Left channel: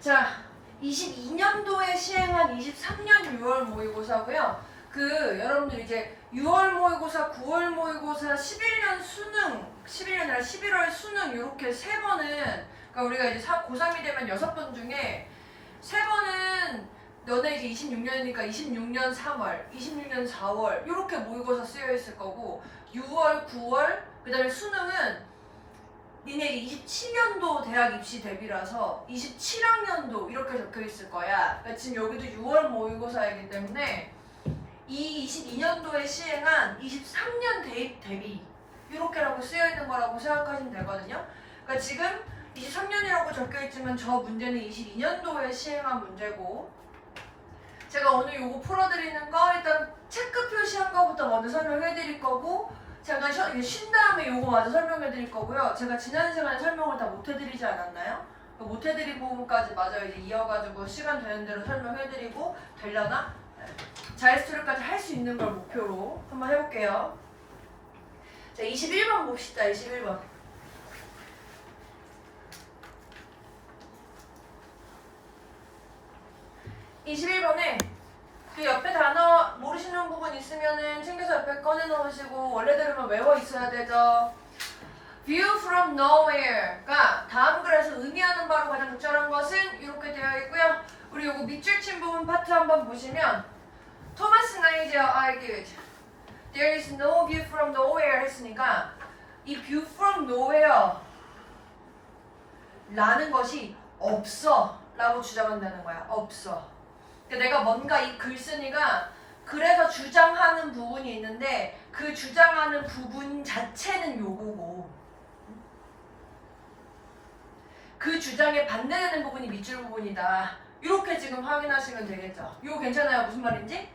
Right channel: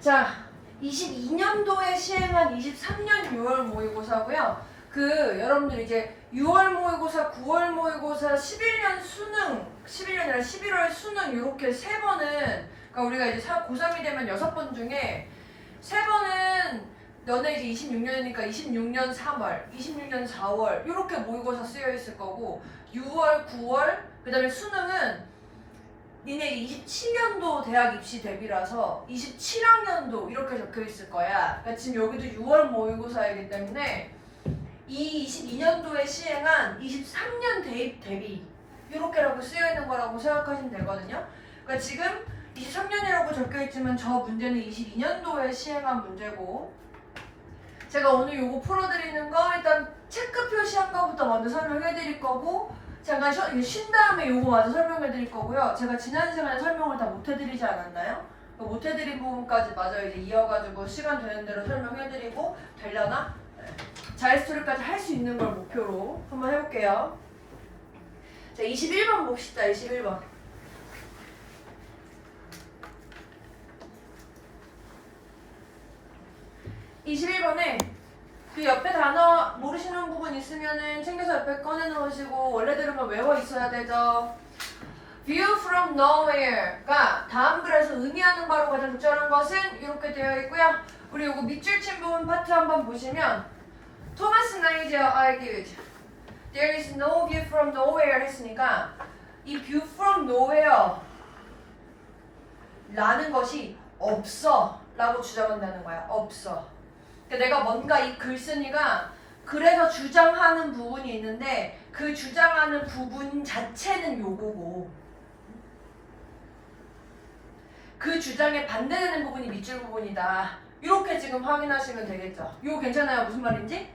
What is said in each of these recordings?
자, 22년도에 시행한 23년 6월 모의고사고요. 여러분들 이제 6월 모의고사, 9월 모의고사, 11년 수능, 11년이 아니라 11월 수능 이렇게 세 번은, 그러니까 우리가 이제 고3이 되면 6번 중에 세 번은 너네 이제 26년이니까 26년 3월, 26년 4월 이렇게 모의고사 쓰여 있을 거고 6월, 9월, 그 다음에 수능은 니네 27년도 대학 입시 대비라서 27학년도 이렇게 적혀 있을 거야. 그러니까 지금 여기도 6월 모의고사이기 때문에 이 22년도에 시행한 23년 대입 대비 이렇게라고 쓰여 있는 거라고 생각하시면 되거든요. 그러니까 지금 23년이라고 적혀 있지만 저 문제는 22년도에 시행한 문제고, 제가 오늘 요거 풀어드리는 거 일단 체크 표시한 거부터 먼저 설명해 드릴 거고, 잠깐 쉰 다음에 요거 마저 설명해 드릴 거고요. 제가 지난 시간에 설명을 다 못 해드리지 않았나요? 못 해드린 부분까지 마저 이제 이어가지고 시간 되는 대로 설명해 드리고 되려나? 자유스토리까지 할 수 있는 걸 목표로 한번 해볼게요. 자, 21번 봅시다. 21번. 21번에 그 옆에 단어 모르시는 부분 있으면은 챙겨서 옆에 꺼내 놓으시고 원래대로만 외워 있어야 되죠. View from nowhere가 다음 글에서 의미하는 바로 가장 적절한 것은 이렇게 되어 있고요. 우리 요거 밑줄 친 부분 파트 한번 보시면 토마스 나이지어 argued There is no view from nowhere 했으니까 이 view from nowhere 라는 것이 없어 라고 주장한다는 거야. 없어. 그러니까 내가 뭔가 이 글쓴이가 그래서 주장하는 부분이 있는데 그 주장하는 부분 자체는 요거고 그 주장에 반대되는 부분이 밑줄 부분이다. 이렇게 지금 확인하시면 되겠죠. 이거 괜찮아요? 무슨 말인지?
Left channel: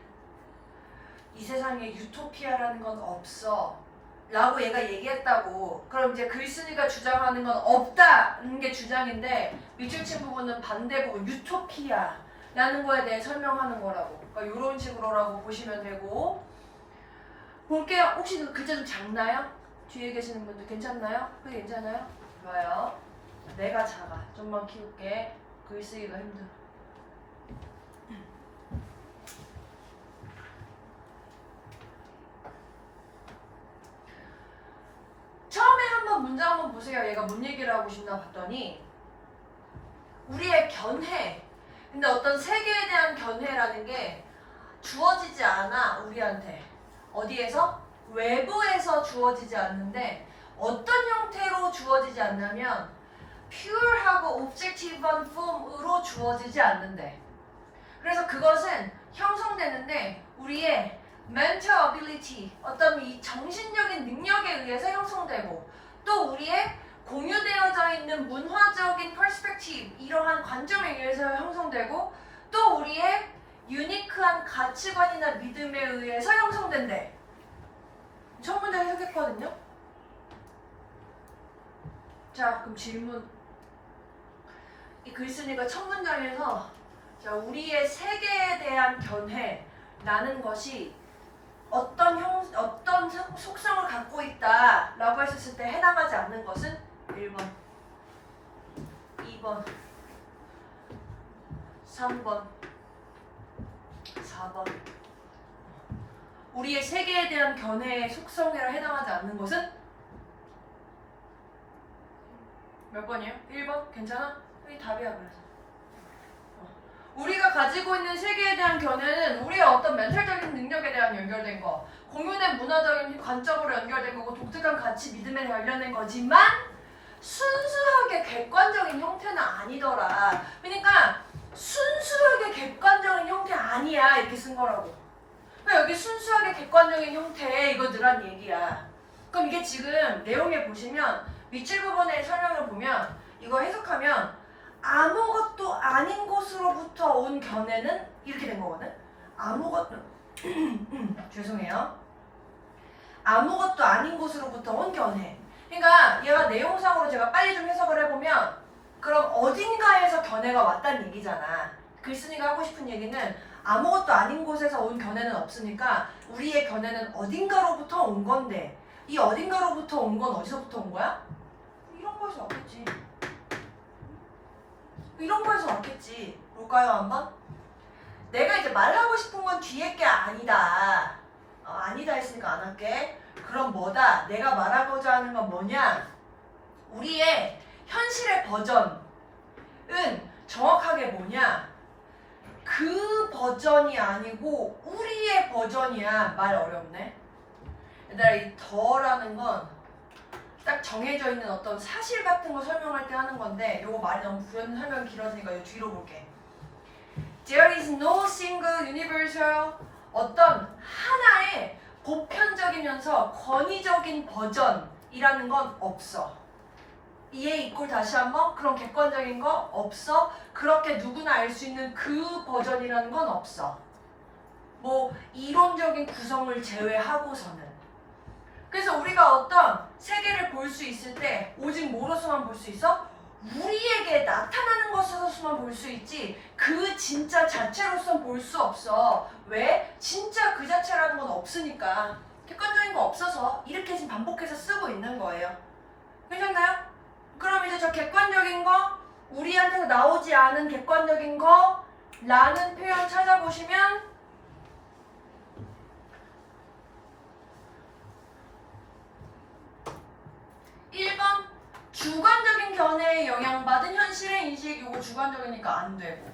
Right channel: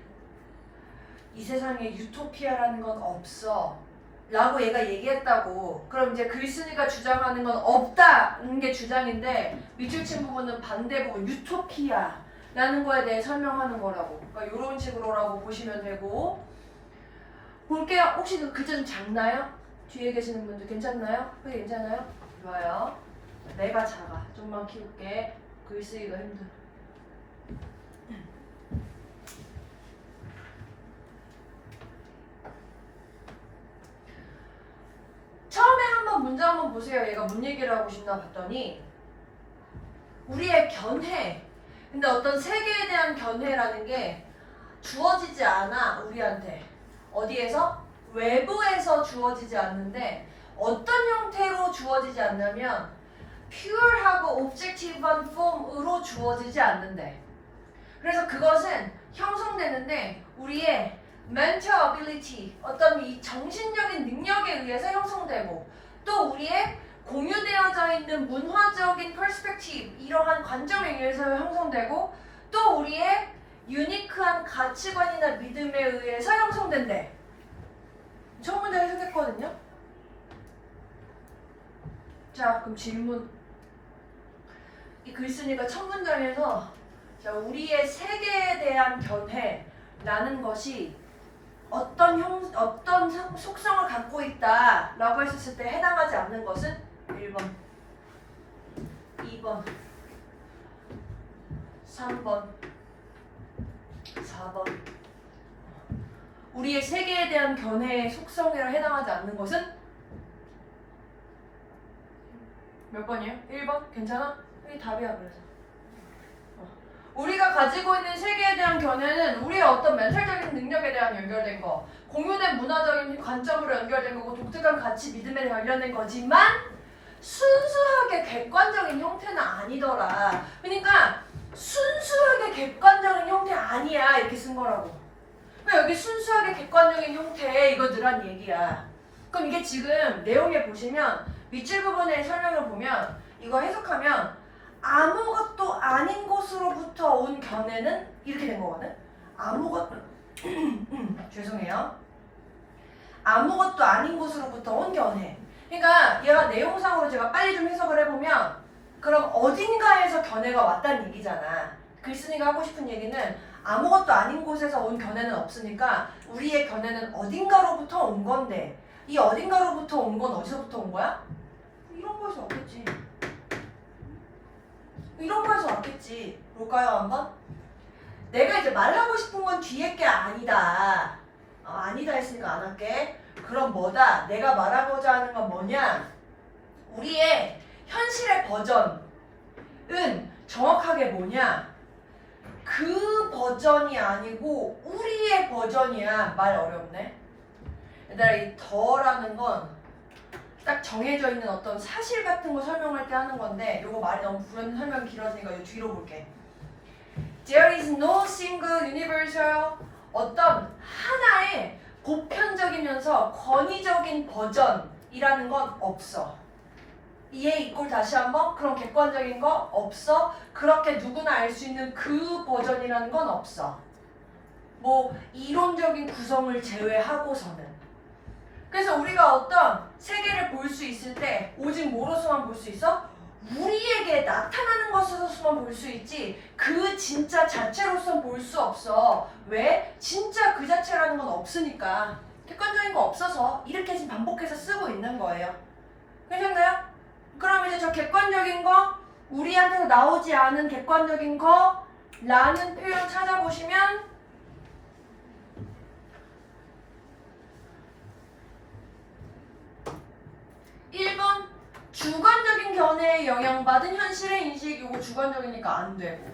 이 세상에 유토피아라는 건 없어 라고 얘가 얘기했다고. 그럼 이제 글쓴이가 주장하는 건 없다는 게 주장인데 밑줄 친 부분은 반대 부분 유토피아 라는 거에 대해 설명하는 거라고. 그러니까 이런 식으로라고 보시면 되고. 볼게요. 혹시 그 글자 좀 작나요? 뒤에 계시는 분들 괜찮나요? 그게 괜찮아요? 좋아요. 내가 작아. 좀만 키울게. 글 쓰기가 힘들어. 처음에 한번 문제 한번 보세요. 얘가 뭔 얘기를 하고 싶나 봤더니 우리의 견해, 근데 어떤 세계에 대한 견해라는 게 주어지지 않아. 우리한테 어디에서? 외부에서 주어지지 않는데 어떤 형태로 주어지지 않냐면 pure하고 objective한 form으로 주어지지 않는데, 그래서 그것은 형성되는데 우리의 mental ability, 어떤 이 정신적인 능력에 의해서 형성되고 또 우리의 공유되어져 있는 문화적인 perspective, 이러한 관점에 의해서 형성되고 또 우리의 유니크한 가치관이나 믿음에 의해서 형성된대. 첫 문제 해석했거든요. 자, 그럼 질문. 이 글쓴이가 첫 문장에서 자, 우리의 세계에 대한 견해라는 것이 어떤 속성을 갖고 있다 라고 했었을 때 해당하지 않는 것은 1번, 2번, 3번, 4번. 우리의 세계에 대한 견해의 속성에 해당하지 않는 것은 몇 번이에요? 1번? 괜찮아? 이게 답이야. 그래서 우리가 가지고 있는 세계에 대한 견해는 우리의 어떤 멘탈적인 능력에 대한 연결된 거, 공유된 문화적인 관점으로 연결된 거고 독특한 가치, 믿음에 관련된 거지만 순수하게 객관적인 형태는 아니더라. 그러니까 순수하게 객관적인 형태 아니야 이렇게 쓴 거라고. 그러니까 여기 순수하게 객관적인 형태 이거 늘한 얘기야. 그럼 이게 지금 내용에 보시면 밑줄 부분의 설명을 보면 이거 해석하면 아무것도 아닌 곳으로부터 온 견해는 이렇게 된 거거든. 아무것도 죄송해요. 아무것도 아닌 곳으로부터 온 견해. 그러니까 얘가 내용상으로 제가 빨리 좀 해석을 해보면 그럼 어딘가에서 견해가 왔다는 얘기잖아. 글쓴이가 하고 싶은 얘기는 아무것도 아닌 곳에서 온 견해는 없으니까 우리의 견해는 어딘가로부터 온 건데 이 어딘가로부터 온 건 어디서부터 온 거야? 이런 곳이 없겠지. 이런 거에서 왔겠지. 볼까요 한번? 내가 이제 말하고 싶은 건 뒤에 게 아니다. 아니다 했으니까 안 할게. 그럼 뭐다? 내가 말하고자 하는 건 뭐냐? 우리의 현실의 버전은 정확하게 뭐냐? 그 버전이 아니고 우리의 버전이야. 말 어렵네. 얘들아, 이 더라는 건 딱 정해져 있는 어떤 사실 같은 거 설명할 때 하는 건데, 이거 말이 너무 설명 길어지니까 이 뒤로 볼게. There is no single universal, 어떤 하나의 보편적이면서 권위적인 버전이라는 건 없어. 이해 있고 다시 한번, 그런 객관적인 거 없어. 그렇게 누구나 알 수 있는 그 버전이라는 건 없어. 뭐 이론적인 구성을 제외하고서는. 그래서 우리가 어떤 세계를 볼 수 있을 때 오직 뭐로서만 볼 수 있어? 우리에게 나타나는 것으로서만 볼 수 있지 그 진짜 자체로서는 볼 수 없어. 왜? 진짜 그 자체라는 건 없으니까. 객관적인 거 없어서 이렇게 지금 반복해서 쓰고 있는 거예요. 괜찮나요? 그럼 이제 저 객관적인 거, 우리한테서 나오지 않은 객관적인 거 라는 표현 찾아보시면 1번 주관적인 견해에 영향받은 현실의 인식. 이거 주관적이니까 안 되고,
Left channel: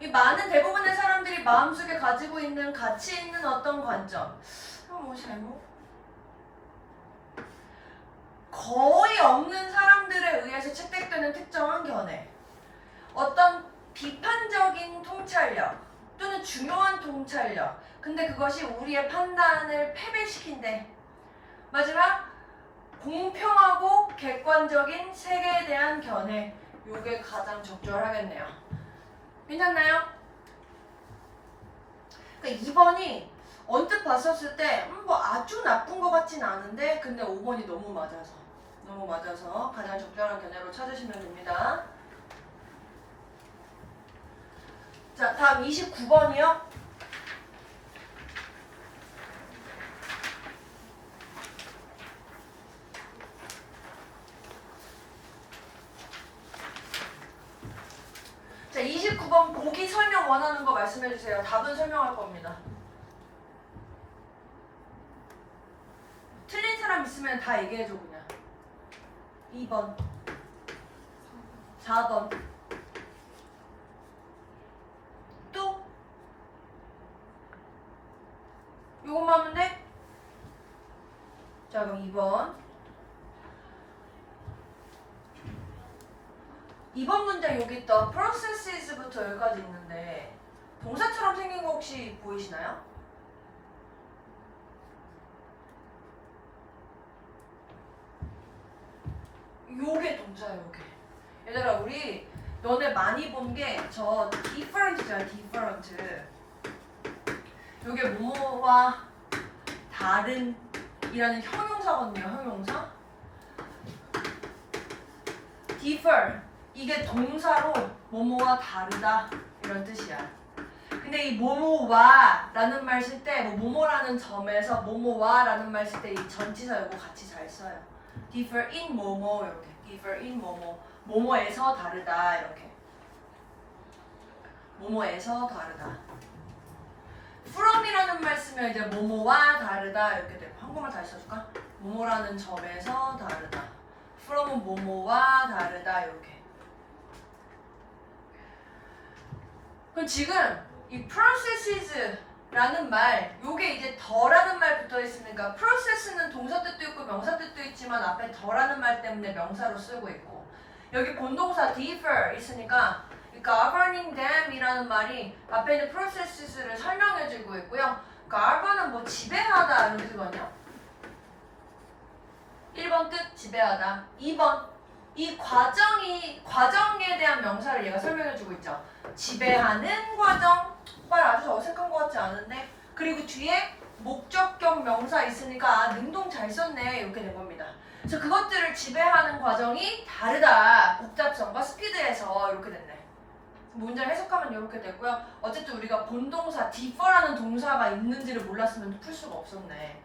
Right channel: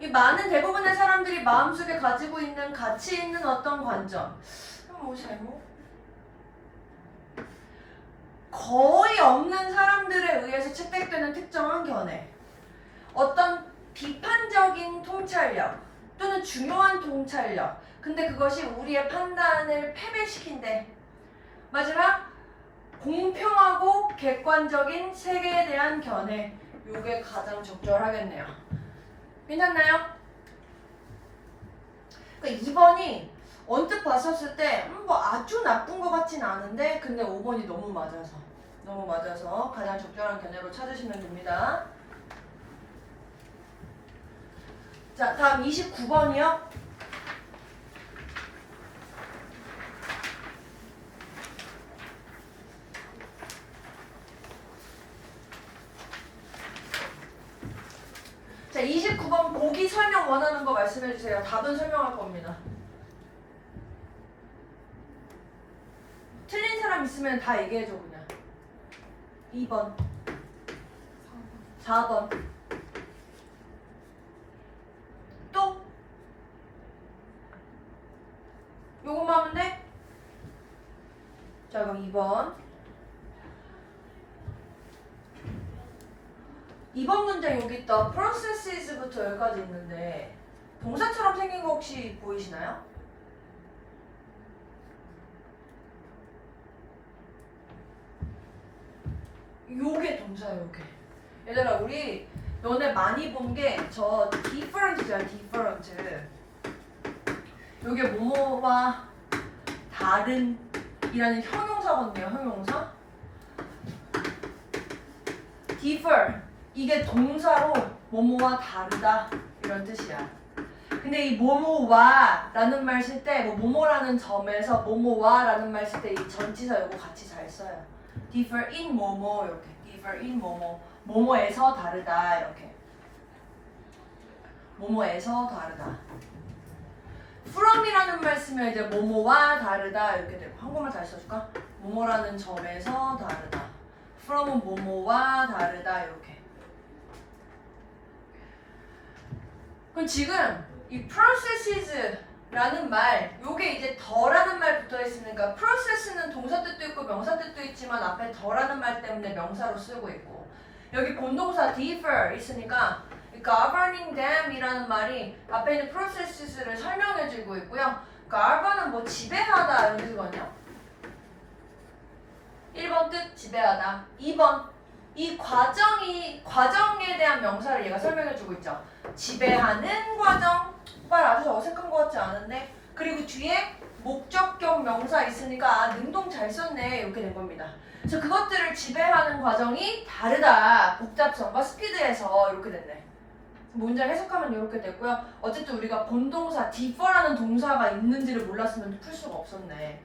이 많은 대부분의 사람들이 마음속에 가지고 있는 가치 있는 어떤 관점, 뭐 제목? 거의 없는 사람들에 의해서 채택되는 특정한 견해, 어떤 비판적인 통찰력 또는 중요한 통찰력, 근데 그것이 우리의 판단을 패배시킨대. 마지막 공평하고 객관적인 세계에 대한 견해. 요게 가장 적절하겠네요. 괜찮나요? 그러니까 2번이 언뜻 봤었을 때 뭐 아주 나쁜 것 같진 않은데, 근데 5번이 너무 맞아서 가장 적절한 견해로 찾으시면 됩니다. 자, 다음 29번이요. 자, 29번 보기 설명 원하는 거 말씀해주세요. 답은 설명할 겁니다. 틀린 사람 있으면 다 얘기해줘 그냥. 2번 4번 또? 요것만 하면 돼? 자, 그럼 2번 문제 여기 있다. processes부터 여기까지 있는데 동사처럼 생긴 거 혹시 보이시나요? 요게 동사예요, 요게. 얘들아, 우리 너네 많이 본 게 저 different잖아, different. 요게 뭐뭐와 다른 이라는 형용사거든요, 형용사. differ, 이게 동사로 뭐뭐와 다르다 이런 뜻이야. 근데 이 뭐뭐와 라는 말 쓸 때 뭐뭐라는 점에서 뭐뭐와 라는 말 쓸 때 이 전치사 요거 같이 잘 써요. differ in 뭐뭐, 이렇게 differ in 뭐뭐, 뭐뭐에서 다르다, 이렇게 뭐뭐에서 다르다. from이라는 말 쓰면 이제 뭐뭐와 다르다 이렇게 되고, 한국말 다시 써줄까? 뭐뭐라는 점에서 다르다. from은 뭐뭐와 다르다, 이렇게. 그럼 지금 이 processes라는 말, 요게 이제 더라는 말 붙어 있으니까 process는 동사 뜻도 있고 명사 뜻도 있지만 앞에 더라는 말 때문에 명사로 쓰고 있고, 여기 본동사 differ 있으니까 governing them 이라는 말이 앞에 있는 processes를 설명해주고 있고요. govern은 뭐 지배하다 이런 뜻이거든요. 1번 뜻 지배하다. 2번 이 과정에 대한 명사를 얘가 설명해주고 있죠. 지배하는 과정. 말 아주 어색한 것 같지 않은데, 그리고 뒤에 목적격 명사 있으니까 능동 잘 썼네 이렇게 된 겁니다. 그래서 그것들을 지배하는 과정이 다르다. 복잡성과 스피드에서 이렇게 됐네. 문장 해석하면 이렇게 됐고요. 어쨌든 우리가 본동사 differ라는 동사가 있는지를 몰랐으면 풀 수가 없었네.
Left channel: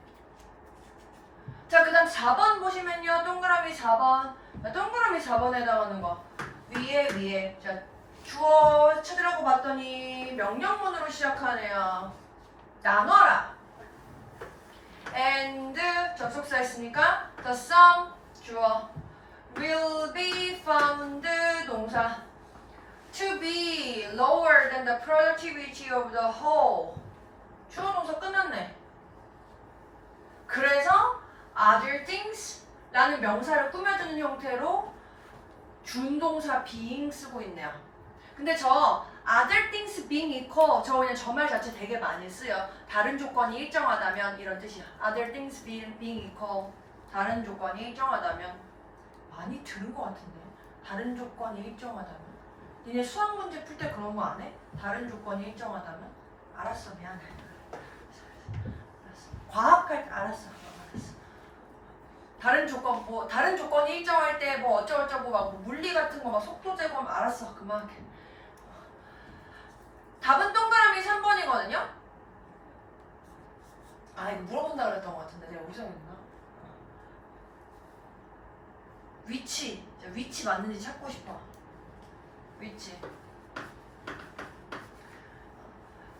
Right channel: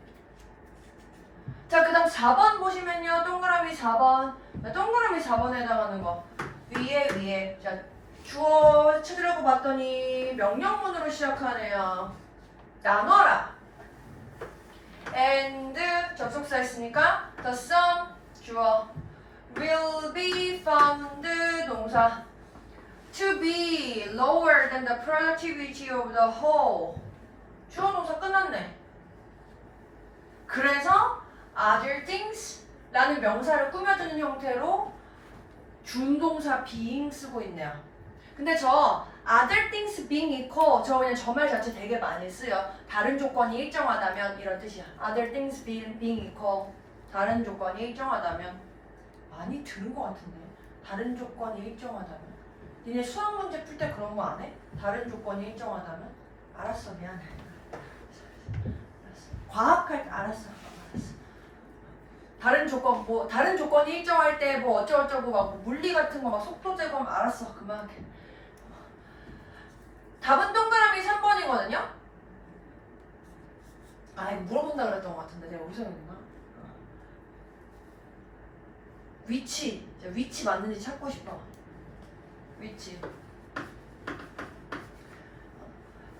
자, 그 다음 4번 보시면요. 동그라미 4번. 동그라미 4번에 해당하는 거. 위에. 자, 주어 찾으려고 봤더니 명령문으로 시작하네요. 나눠라. and 접속사 있으니까 the sum 주어 will be found 동사 to be lower than the productivity of the whole. 주어 동사 끝났네. 그래서 other things 라는 명사를 꾸며주는 형태로 준동사 being 쓰고 있네요. 근데 저 other things being equal 저 그냥 저 말 자체 되게 많이 쓰여. 다른 조건이 일정하다면 이런 뜻이야. other things being equal 다른 조건이 일정하다면 많이 들은 것 같은데. 다른 조건이 일정하다면 니네 수학 문제 풀 때 그런 거 안 해? 다른 조건이 일정하다면? 알았어 미안해. 알았어. 과학할 때 알았어. 다른 조건 뭐 다른 조건이 일정할 때 뭐 어쩌고저쩌고 막 물리 같은 거 막 속도 제곱 알았어 그만해. 답은 동그라미 3번이거든요. 아 이거 물어본다 그랬던 것 같은데 내가 어디서 했나? 위치 맞는지 찾고 싶어. 위치.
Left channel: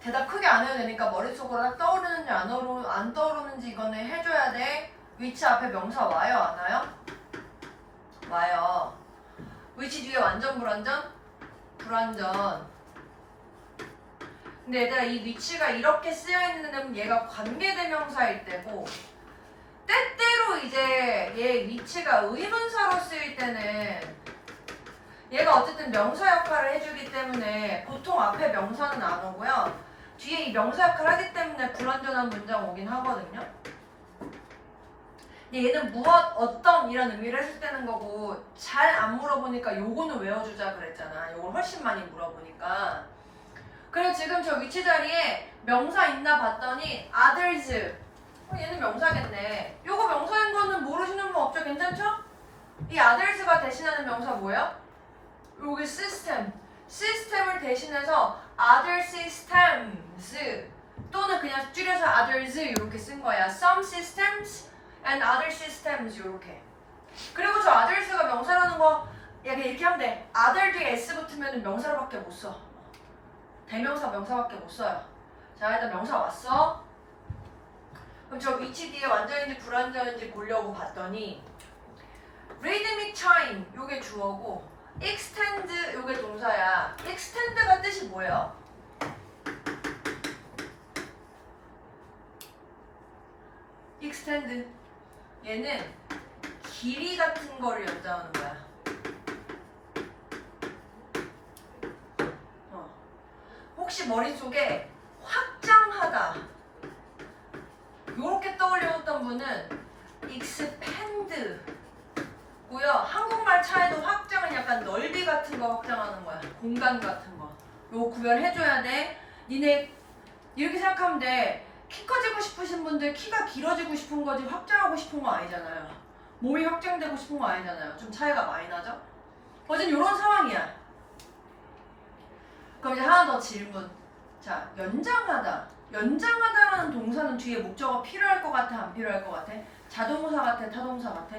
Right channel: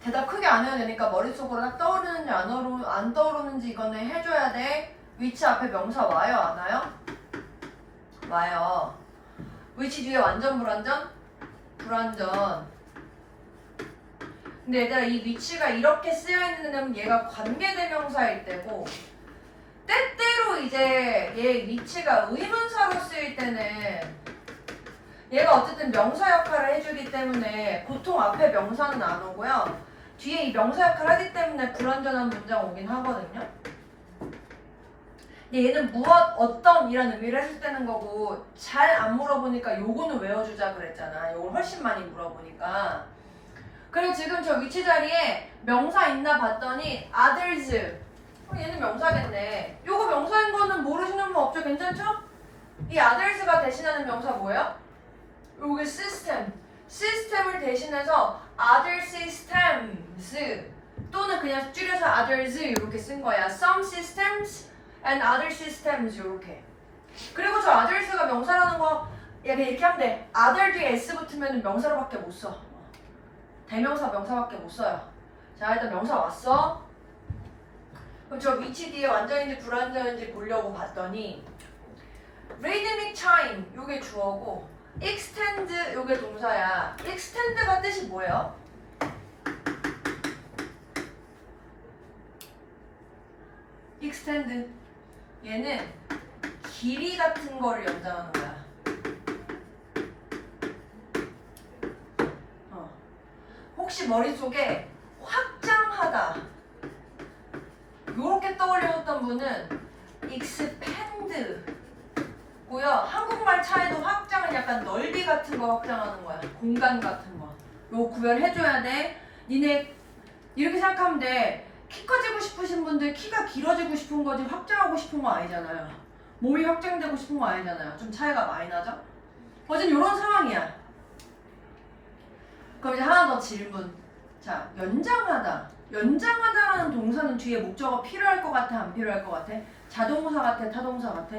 대답 크게 안 해도 되니까 머릿속으로 딱 떠오르는지 안 떠오르는지 이거는 해줘야 돼. 위치 앞에 명사 와요 안 와요? 와요. 위치 뒤에 완전 불완전? 불완전. 근데 얘들아 이 위치가 이렇게 쓰여있는 데는 얘가 관계대명사일 때고 때때로 이제 얘 위치가 의문사로 쓰일 때는 얘가 어쨌든 명사 역할을 해주기 때문에 보통 앞에 명사는 안 오고요. 뒤에 이 명사 역할을 하기 때문에 불완전한 문장 오긴 하거든요. 근데 얘는 무엇, 어떤 이런 의미를 했을 때는 거고 잘 안 물어보니까 요거는 외워주자 그랬잖아. 요걸 훨씬 많이 물어보니까. 그리고 지금 저 위치 자리에 명사 있나 봤더니 others. 얘는 명사겠네. 요거 명사인 거는 모르시는 분 없죠? 괜찮죠? 이 others가 대신하는 명사 뭐예요? 요게 system. 시스템을 대신해서 other systems 또는 그냥 줄여서 others 이렇게 쓴 거야. Some systems and other systems 이렇게. 그리고 저 others가 명사라는 거 이렇게 하면 돼. other 뒤에 s 붙으면 명사로밖에 못 써. 대명사 명사밖에 못 써요. 자 일단 명사 왔어. 그럼 저 위치 뒤에 완전인지 불완전인지 보려고 봤더니 rhythmic time 요게 주어고 extend 요게 동사야. extend가 뜻이 뭐예요? extend 얘는 길이 같은 거를 연장하는 거야. 혹시 머릿속에 확장하다 요렇게 떠올려졌던 분은 expand 고요. 한국말 차에도 확장은 약간 넓이 같은 거 확장하는 거야. 공간 같은 거. 요 구별해줘야 돼. 니네 이렇게 생각하면 돼. 키 커지고 싶으신 분들 키가 길어지고 싶은 거지 확장하고 싶은 거 아니잖아요. 몸이 확장되고 싶은 거 아니잖아요. 좀 차이가 많이 나죠? 어쨌든 요런 상황이야. 그럼 이제 하나 더 질문. 자, 연장하다. 연장하다라는 동사는 뒤에 목적어 필요할 것 같아? 안 필요할 것 같아? 자동사 같아? 타동사 같아?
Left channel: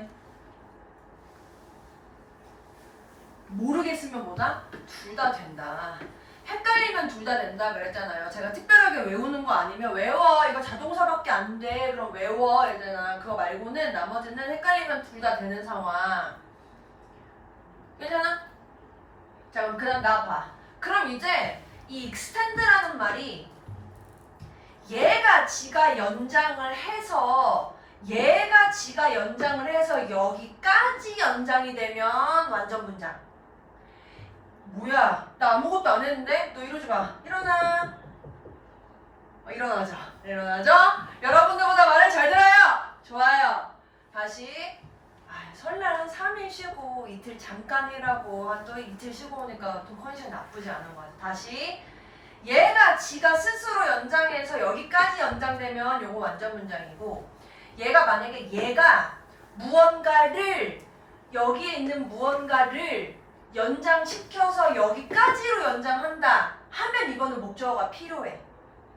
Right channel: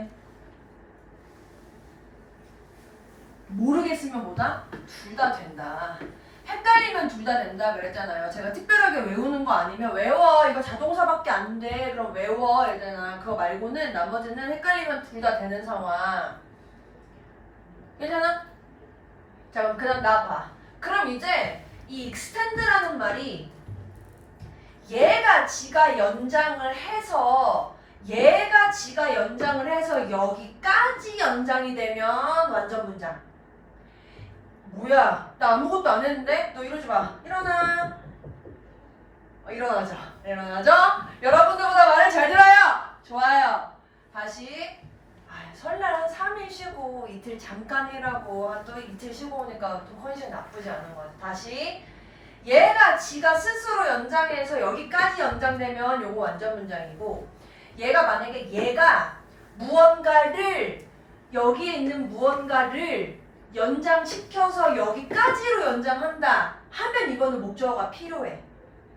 모르겠으면 뭐다? 둘 다 된다. 헷갈리면 둘 다 된다 그랬잖아요. 제가 특별하게 외우는 거 아니면 외워. 이거 자동사밖에 안 돼. 그럼 외워. 이러잖아. 그거 말고는 나머지는 헷갈리면 둘 다 되는 상황. 괜찮아? 자, 그럼 그 다음 나 봐. 그럼 이제 이 extend라는 말이 얘가 지가 연장을 해서 여기까지 연장이 되면 완전 문장. 뭐야? 나 아무것도 안 했는데? 너 이러지 마. 일어나. 일어나자. 일어나죠? 여러분들보다 말을 잘 들어요. 좋아요. 다시. 설날은 3일 쉬고 이틀 잠깐 일하고 또 이틀 쉬고 오니까 또 컨디션 나쁘지 않은 것 같아. 다시. 얘가 지가 스스로 연장해서 여기까지 연장되면 요거 완전 문장이고 얘가 만약에 얘가 무언가를 여기에 있는 무언가를 연장시켜서 여기까지로 연장한다 하면 이거는 목적어가 필요해.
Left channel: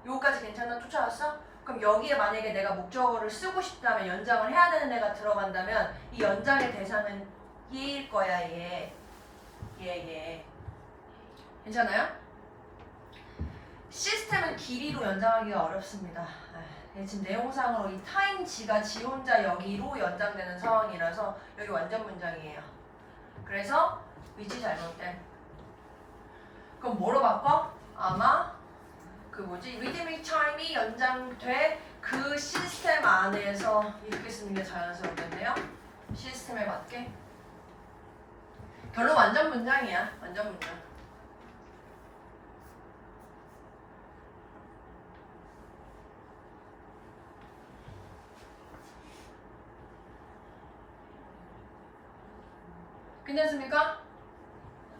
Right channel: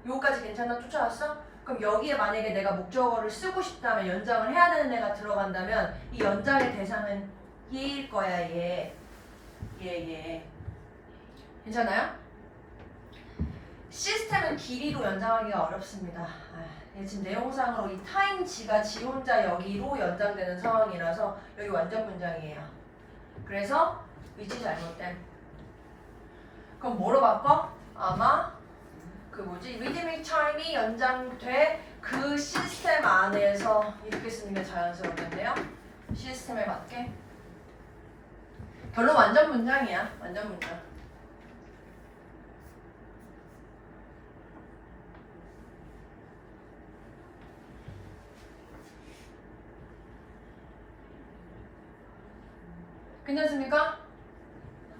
요거까지 괜찮아? 쫓아왔어? 그럼 여기에 만약에 내가 목적어를 쓰고 싶다면 연장을 해야 되는 애가 들어간다면 이 연장의 대상은 얘일 거야. 얘. 예. 괜찮아요? 시스템은 길이로 연장하기가 어렵습니다. 지금 내용상으로 이 타임지가 지 혼자 여기로 연장되는 상황이라서 여기 완전 문장이에요. 그래서 위치 잘못됨. 그럼 뭐로 바꿔? 아마 그 리드믹 타임이 연장돼 그 시스템 안에서 이렇게 쓰는 게 자연스럽겠네요. 시스템에 맞게. 결론 완전 문장이야. 완전 문장. 괜찮습니까?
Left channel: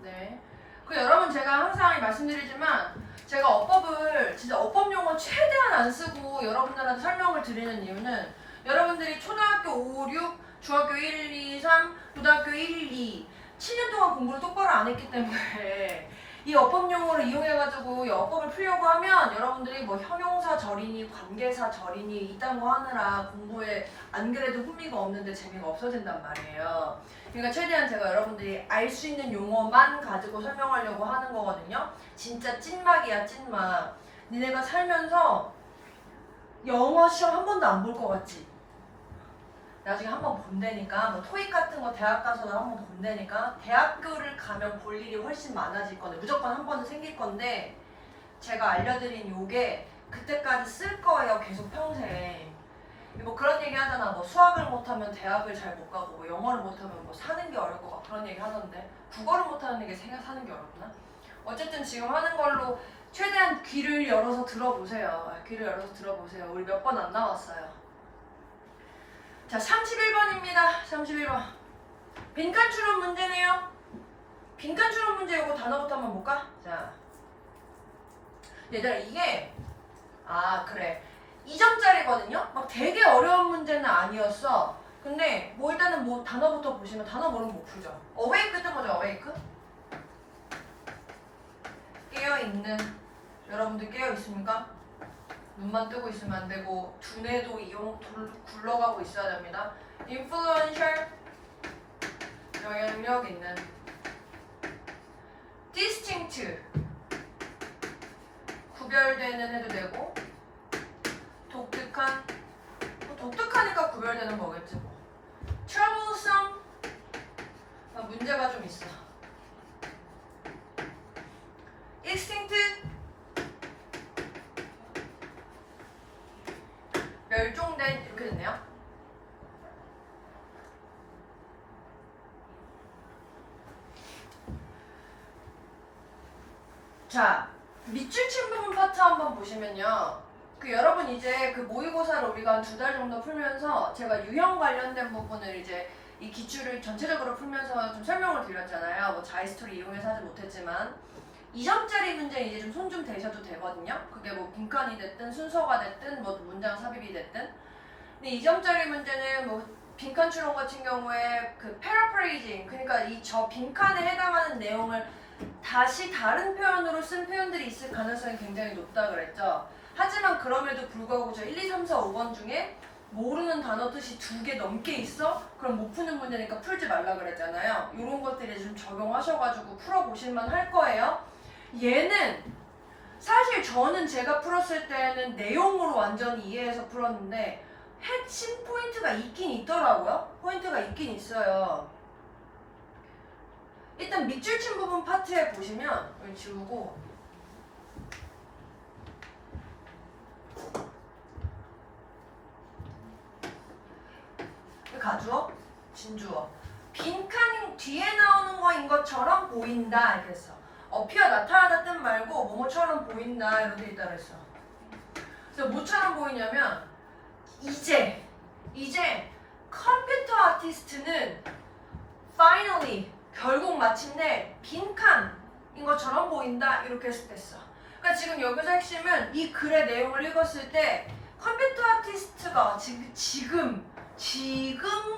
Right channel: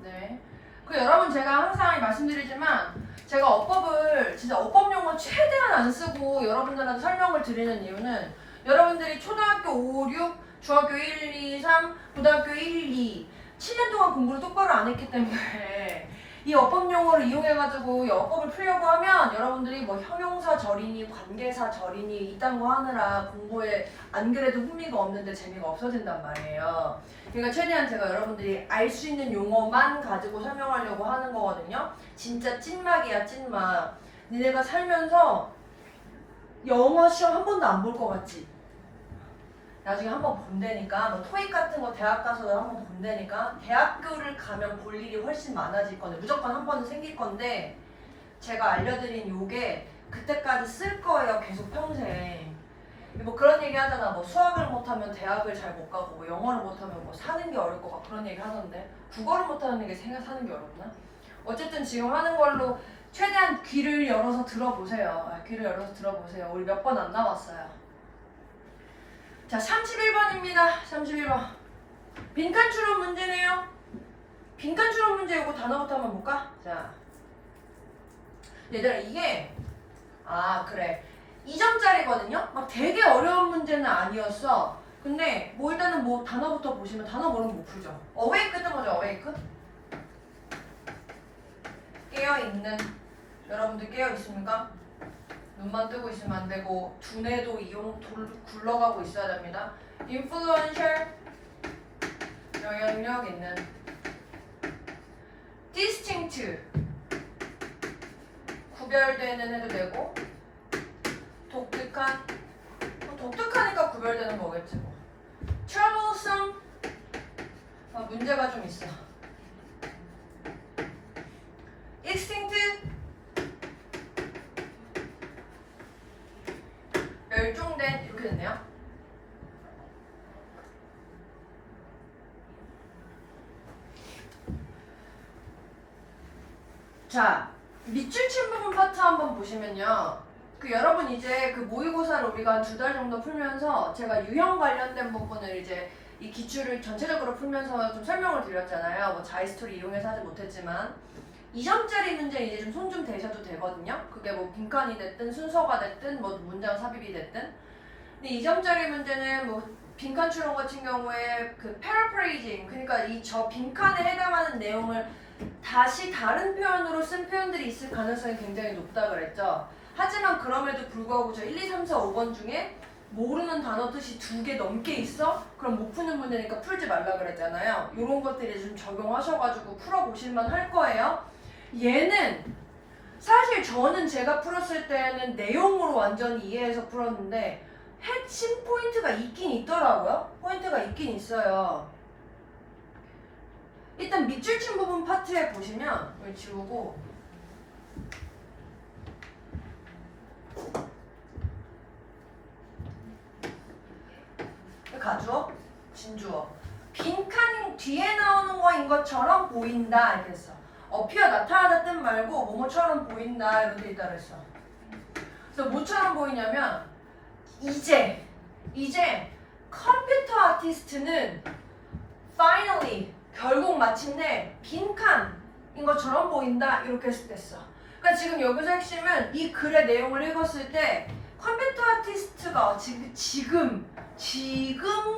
네. 그 여러분 제가 항상 말씀드리지만 제가 어법을 진짜 어법 용어 최대한 안 쓰고 여러분들한테 설명을 드리는 이유는 여러분들이 초등학교 5, 6, 중학교 1, 2, 3, 고등학교 1, 2 7년 동안 공부를 똑바로 안 했기 때문에 이 어법 용어를 이용해가지고 이 어법을 풀려고 하면 여러분들이 뭐 형용사 절이니 관계사 절이니 이딴 거 하느라 공부에 안 그래도 흥미가 없는데 재미가 없어진단 말이에요. 그러니까 최대한 제가 여러분들이 알 수 있는 용어만 가지고 설명하려고 하는 거거든요. 진짜 찐막이야 찐막. 니네가 살면서 영어 시험 한 번도 안 볼 것 같지? 나중에 한번 본다니까 뭐 토익 같은 거 대학 가서도 한 번 본다니까 대학교를 가면 볼 일이 훨씬 많아질 건데 무조건 한 번은 생길 건데 제가 알려드린 요게 그때까지 쓸 거예요. 계속 평생. 뭐 그런 얘기 하잖아. 뭐 수학을 못하면 대학을 잘 못 가고 뭐 영어를 못하면 뭐 사는 게 어려울 것 같고 그런 얘기 하던데 국어를 못하는 게 사는 게 어렵나? 어쨌든 지금 하는 걸로 최대한 귀를 열어서 들어보세요. 귀를 열어서 들어보세요. 우리 몇 번 안 나왔어요. 자, 31번입니다. 31번. 빈칸 추론 문제네요. 빈칸 추론 문제 이거 단어부터 한번 볼까? 자, 얘들아 이게 그래 2점짜리거든요? 막 되게 어려운 문제는 아니었어. 근데 뭐 일단은 뭐 단어부터 보시면 단어 모르면 못 풀죠. 어웨이크 뜬 거죠. 어웨이크? 깨어있는. 여러분들 깨어있습니까? 눈만 뜨고 있으면 안 되고 두뇌도 굴러가고 있어야 됩니다. influential 영향력 있는 distinct 구별되는 해도 되고 독특한 독특하니까 구별되는 거겠지 뭐. troublesome 문제가 좀 있어. extinct 멸종된 이렇게 됐네요. 자, 밑줄 친 부분 파트 한번 보시면요. 그 여러분 이제 그 모의고사를 우리가 한 2달 정도 풀면서 제가 유형 관련된 부분을 이제 이 기출을 전체적으로 풀면서 좀 설명을 드렸잖아요. 뭐 자이스토리 이용해서 하지 못했지만 2점짜리 문제는 이제 좀 손 좀 대셔도 되거든요. 그게 뭐 빈칸이 됐든 순서가 됐든 뭐 문장 삽입이 됐든. 근데 2점짜리 문제는 뭐 빈칸 추론 같은 경우에 그 paraphrasing 그러니까 이 저 빈칸에 해당하는 내용을 다시 다른 표현으로 쓴 표현들이 있을 가능성이 굉장히 높다 그랬죠. 하지만 그럼에도 불구하고 저 1, 2, 3, 4, 5번 중에 모르는 단어 뜻이 2개 넘게 있어? 그럼 못 푸는 문제니까 풀지 말라 그랬잖아요. 이런 것들이 좀 적용하셔가지고 풀어보실만 할 거예요. 얘는 사실 저는 제가 풀었을 때는 내용으로 완전히 이해해서 풀었는데 핵심 포인트가 있긴 있더라고요. 포인트가 있긴 있어요. 일단 밑줄 친 부분 파트에 보시면 여기 지우고 가주어, 진주어 빈칸 뒤에 나오는 거인 것처럼 보인다 이렇게 했어. 어피어 나타나다 뜻 말고 뭐뭐처럼 보인다 이렇게 있다 그랬어. 그래서 뭐처럼 보이냐면 이제 컴퓨터 아티스트는 finally 결국 마침내 빈칸인 것처럼 보인다 이렇게 했어. 그러니까 지금 여기서 핵심은 이 글의 내용을 읽었을 때 컴퓨터 아티스트가 지금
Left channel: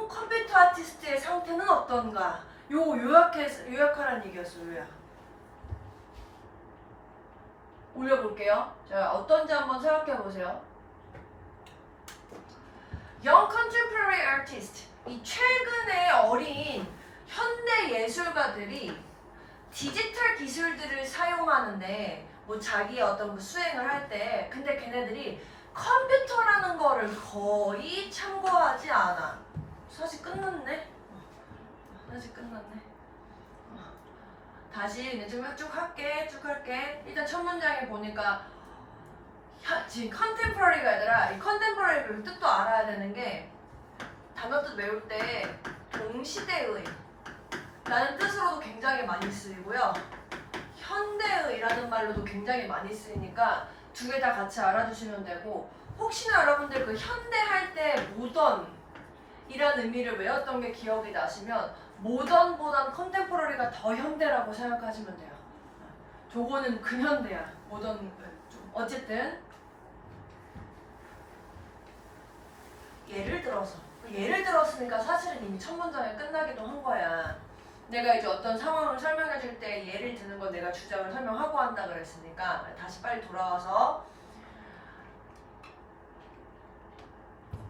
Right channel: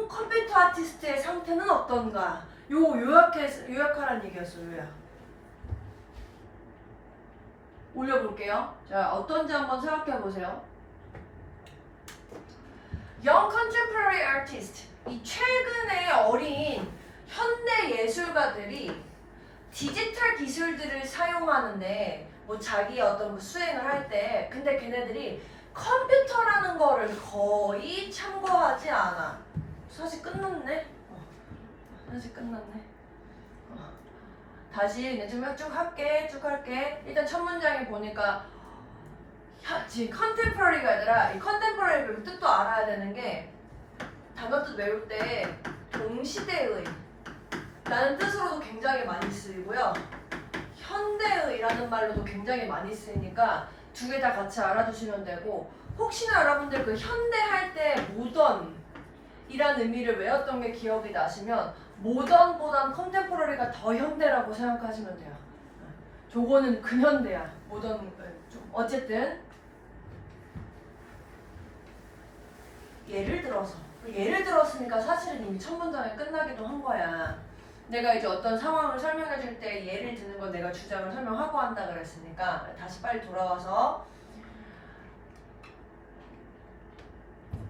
컴퓨터 아티스트의 상태는 어떤가 요약하라는 얘기였어. 요약. 올려볼게요. 자, 어떤지 한번 생각해보세요. Young Contemporary Artist 이 최근의 어린 현대 예술가들이 디지털 기술들을 사용하는데 뭐 자기 어떤 뭐 수행을 할 때 근데 걔네들이 컴퓨터라는 거를 거의 참고하지 않아. 사실 끝났네. 사실 끝났네. 다시 이제 쭉 할게. 일단 첫 문장에 보니까 지금 컨템포러리가 아니라 이 컨템포러리 뜻도 알아야 되는 게 단어 뜻 외울 때 동시대의 라는 뜻으로도 굉장히 많이 쓰이고요. 현대의라는 말로도 굉장히 많이 쓰이니까 두 개 다 같이 알아주시면 되고 혹시나 여러분들 그 현대 할 때 모던이라는 의미를 외웠던 게 기억이 나시면 모던보단 컨템포러리가 더 현대라고 생각하시면 돼요. 저거는 근현대야. 모던 어쨌든 예를 들었으니까 사실은 이미 첫 문장에 끝나기도 한 거야. 내가 이제 어떤 상황을 설명해 줄 때 예를 드는 건 내가 주장을 설명하고 한다 그랬으니까 다시 빨리 돌아와서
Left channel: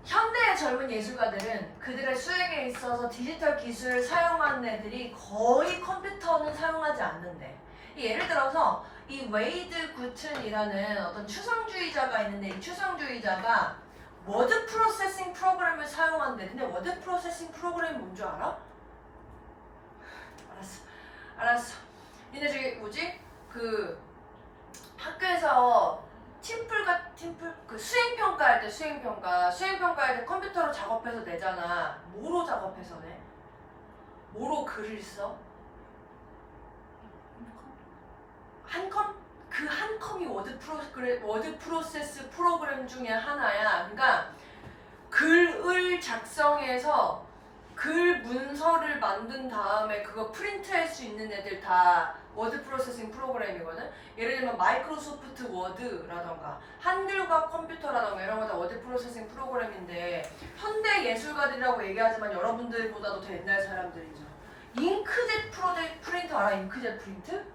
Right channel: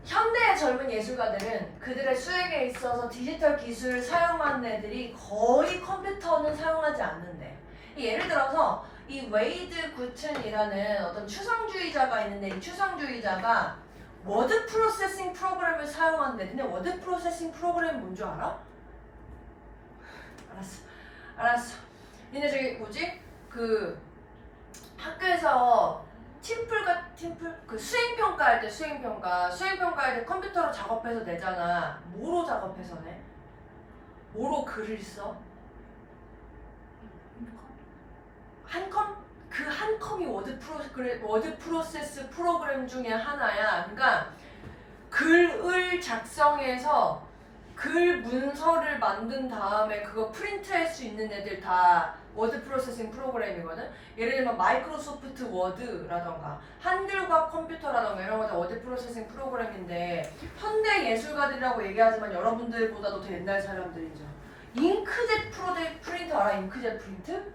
현대의 젊은 예술가들은 그들의 수행에 있어서 디지털 기술을 사용하는 애들이 거의 컴퓨터는 사용하지 않는데 예를 들어서 이 웨이드 구튼이라는 어떤 추상주의자가 있는데 이 추상주의자가 워드 프로세싱 프로그램을 사용하는데 근데 워드 프로세싱 프로그램이 뭔 줄 알아? 알았어. 니네 저기 뭐지? 그 학교에서 팀플 그 수행평가할 때 수행평가할 때 컴퓨터로 작업해서 내잖아. 뭐로 작업해서 내? 뭐로 글을 써? 그 한 컴이 워드 프로세스 프로그램 중에 하나야. 그러니까 글을 작성해서 글 문서를 만든 다음에 그거 프린트할 수 있는 애들 다 워드 프로세싱 프로그램이거든. 예를 들면 마이크로소프트 워드라던가 한글과 컴퓨터라던가 이런 거 다 워드 프로세싱 프로그램인데 현대 예술가들이라고 얘기하지만 여러분들보다도 더 옛날 사람들이죠. 잉크젯 프린터 알아? 잉크젯 프린트?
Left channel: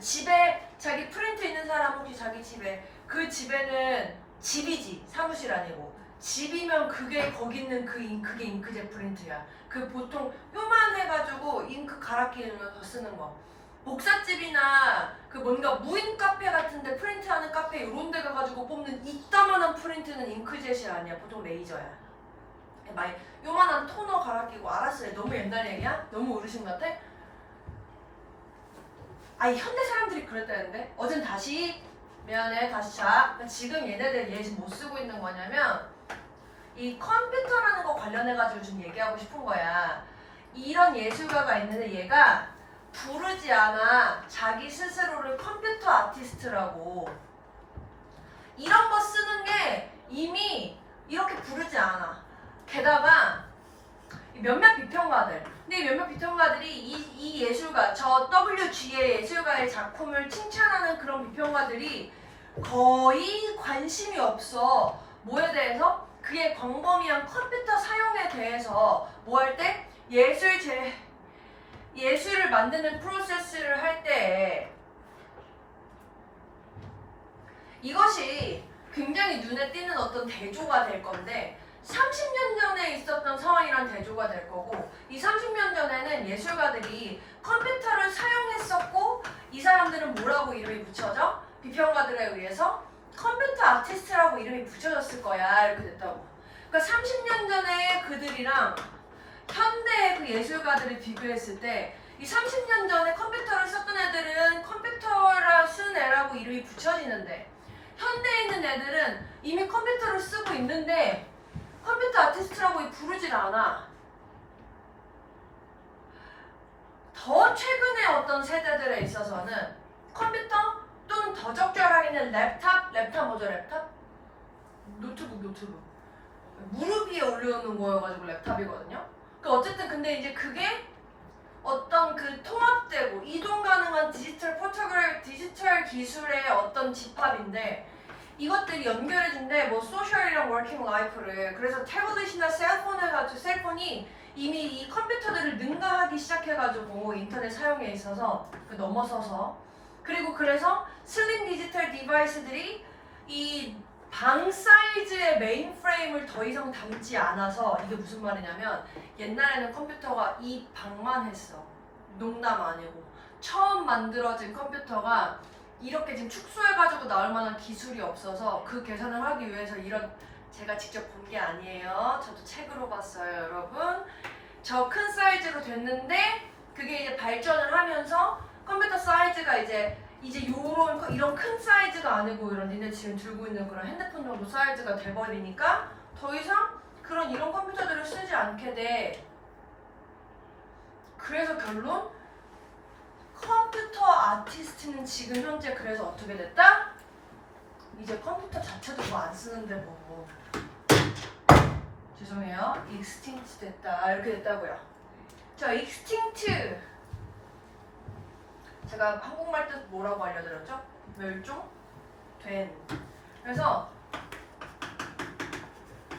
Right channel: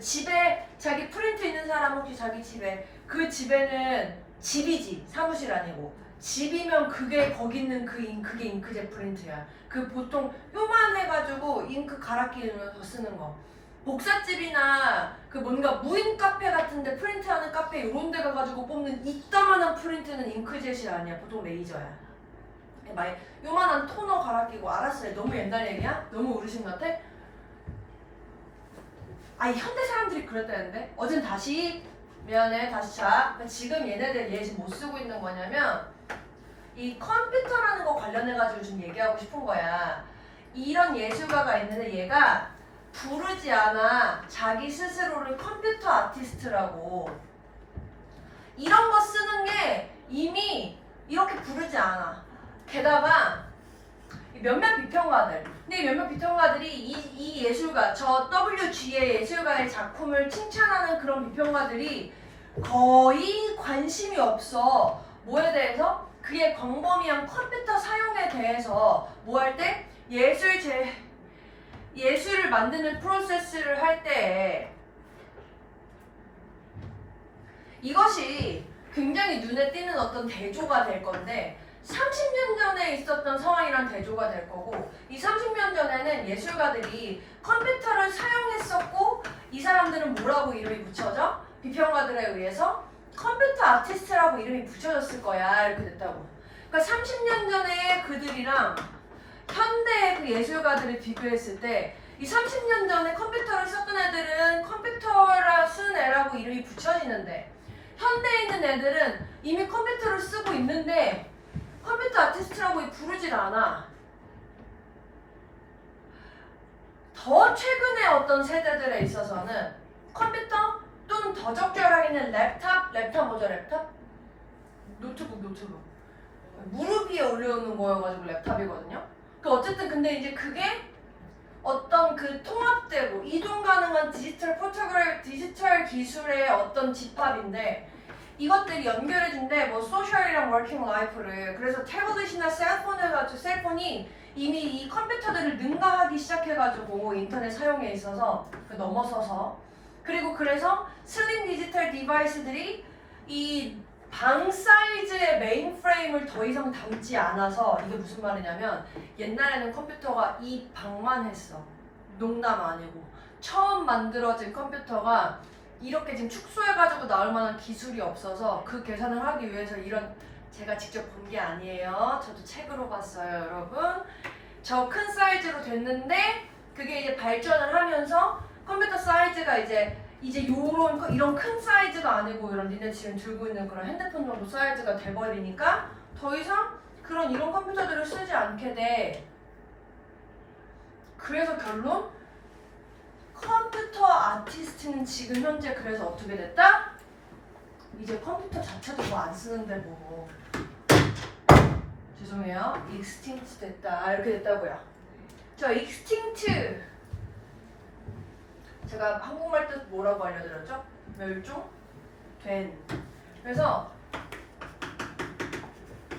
집에 자기 프린트 있는 사람 혹시 자기 집에 그 집에는 집이지 사무실 아니고 집이면 그게 거기 있는 그게 잉크젯 프린트야. 그 보통 요만해가지고 잉크 갈아 끼우면서 쓰는 거. 복사집이나 그 뭔가 무인 카페 같은데 프린트하는 카페 이런 데 가가지고 뽑는 이따만한 프린트는 잉크젯이 아니야. 보통 레이저야. 요만한 토너 갈아 끼고 알았어요. 너무 옛날 얘기야? 너무 어르신 같아? 아니 현대 사람들이 그랬다는데? 어젠 다시 미안해 다시 자. 지금 얘네들 얘 지금 못 쓰고 있는 거냐면 이 컴퓨터라는 거 관련해가지고 좀 얘기하고 싶은 거야. 이런 예술가가 있는데 얘가 부르지 않아. 자기 스스로를 컴퓨터 아티스트라고. 이런 거 쓰는 게 이미 이렇게 부르지 않아. 게다가 몇몇 비평가들. 근데 몇몇 비평가들이 이 예술가, 저 WG의 예술가의 작품을 칭찬하는 그런 비평가들이 거의 관심이 없어. 뭐에 대해서? 그의 광범위한 컴퓨터 사용에 대해서 뭐 할 때? 예술을 만드는 프로세스를 할 때 이것이 굉장히 눈에 띄는 어떤 대조가 될 건데 30년 전에 있었던 상황이란 대조가 될 거고 이 30년 전에는 예술가들이 컴퓨터를 사용했었고 이 사람들은 뭐라고 이름이 붙여져? 비평가들에 의해서 컴퓨터 아티스트라고 이름이 붙여졌을 거야. 이렇게 됐다고. 그러니까 30년 전에 그들이랑 현대의 그 예술가들을 비교했을 때 이 30년 전에 컴퓨터를 썼던 애들은 컴퓨터를 쓴 애라고 이름이 붙여지는데 현대에 있는 애들은 이미 컴퓨터를 쓰고 있는데 컴퓨터 아티스트라고 부르질 않아. 더 최근의 어떤 세대들에 있어서는 컴퓨터 또는 더 적절하게는 랩탑 뭐죠 랩탑? 노트북 무릎 위에 올려놓는 거여가지고 랩탑이거든요. 그 어쨌든 근데 이제 그게 어떤 그 통합되고 이동 가능한 디지털 기술의 어떤 집합인데 이것들이 연결해진대. 뭐 소셜이랑 워킹 라이프를. 그래서 태블릿이나 셀폰이 이미 이 컴퓨터들을 능가하기 시작해가지고 인터넷 사용에 있어서 넘어서서 그리고 그래서 슬림 디지털 디바이스들이 이 방 사이즈의 메인프레임을 더 이상 담지 않아서 이게 무슨 말이냐면 옛날에는 컴퓨터가 이 방만 했어. 농담 아니고 처음 만들어진 컴퓨터가 이렇게 지금 축소해가지고 나올 만한 기술이 없어서 그 계산을 하기 위해서 이런 제가 직접 본 게 아니에요. 저도 책으로 봤어요, 여러분. 저 큰 사이즈로 됐는데 그게 이제 발전을 하면서 컴퓨터 사이즈가 이제 요런 이런 큰 사이즈가 아니고 이런 니네 지금 들고 있는 그런 핸드폰 정도 사이즈가 돼버리니까 더 이상 이런 컴퓨터들을 쓰지 않게 돼. 그래서 결론 컴퓨터 아티스트는 지금 현재 그래서 어떻게 됐다? 이제 컴퓨터 자체도 뭐 안 쓰는데 뭐 죄송해요. 익스팅트 됐다. 이렇게 됐다고요. 저 익스팅트 제가 한국말 뜻 뭐라고 알려드렸죠? 멸종된. 그래서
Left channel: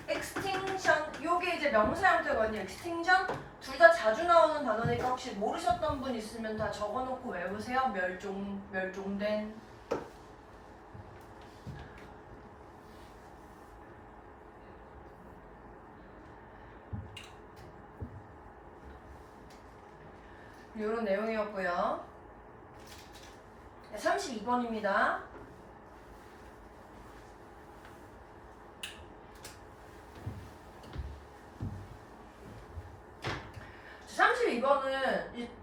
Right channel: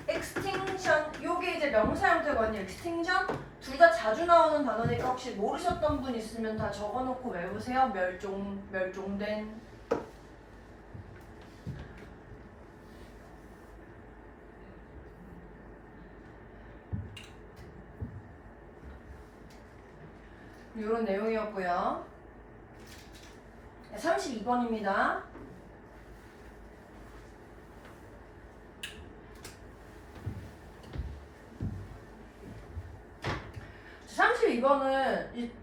extinction 요게 이제 명사 형태거든요. extinction 둘 다 자주 나오는 단어니까 혹시 모르셨던 분 있으면 다 적어놓고 외우세요. 멸종된. 이런 내용이었고요. 32번입니다.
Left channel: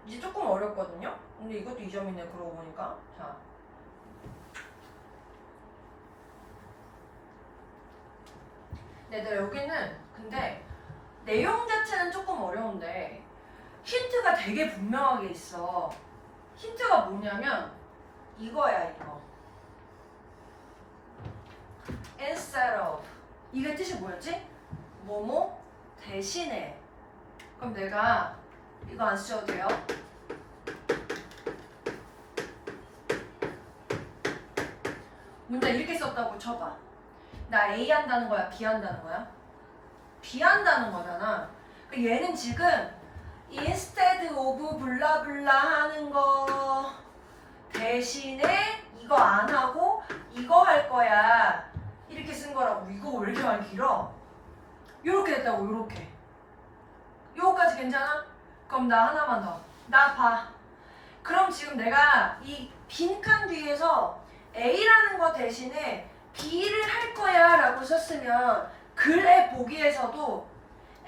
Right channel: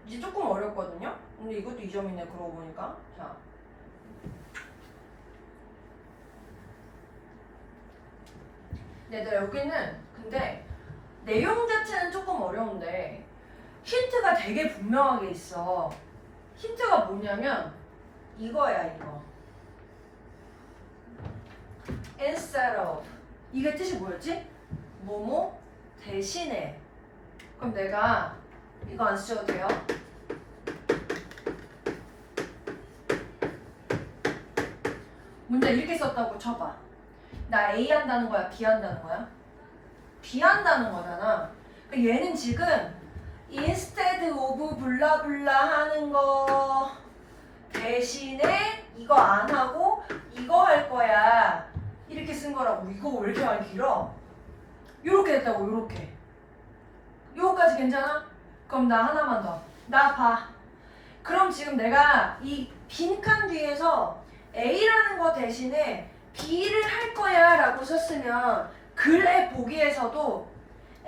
이제 조금 어렵거든요. 근데 이것도 2점이네 그러고 보니까. 자, 얘들아 여기는 근데 내용 자체는 조금 어려운데 힌트가 되게 분명하게 있어. 힌트가 뭐냐면 이거야 이거. instead of 이게 뜻이 뭐였지? 뭐뭐 대신에. 그럼 내가 이거 안 쓰셔도 돼요. 문제 이렇게 썼다고 쳐봐. 나 A 한다는 거야? B 한다는 거야? B 한다는 거잖아. 얘는 지금 instead of 블라블라 하는 거 대신에 이거 안 하고 이거 할 거야. 이렇게 쓴 거라고. 이거 왜 이렇게 많이 길어? 요렇게 됐다고. 요렇게. 요거까지 괜찮아? 그럼 나 하나만 더. 나 봐. 그럼 지금 내가 이 빈칸 뒤에서 A라는 거 대신에 B를 할 거야 라고 썼으면 글의 보기에서도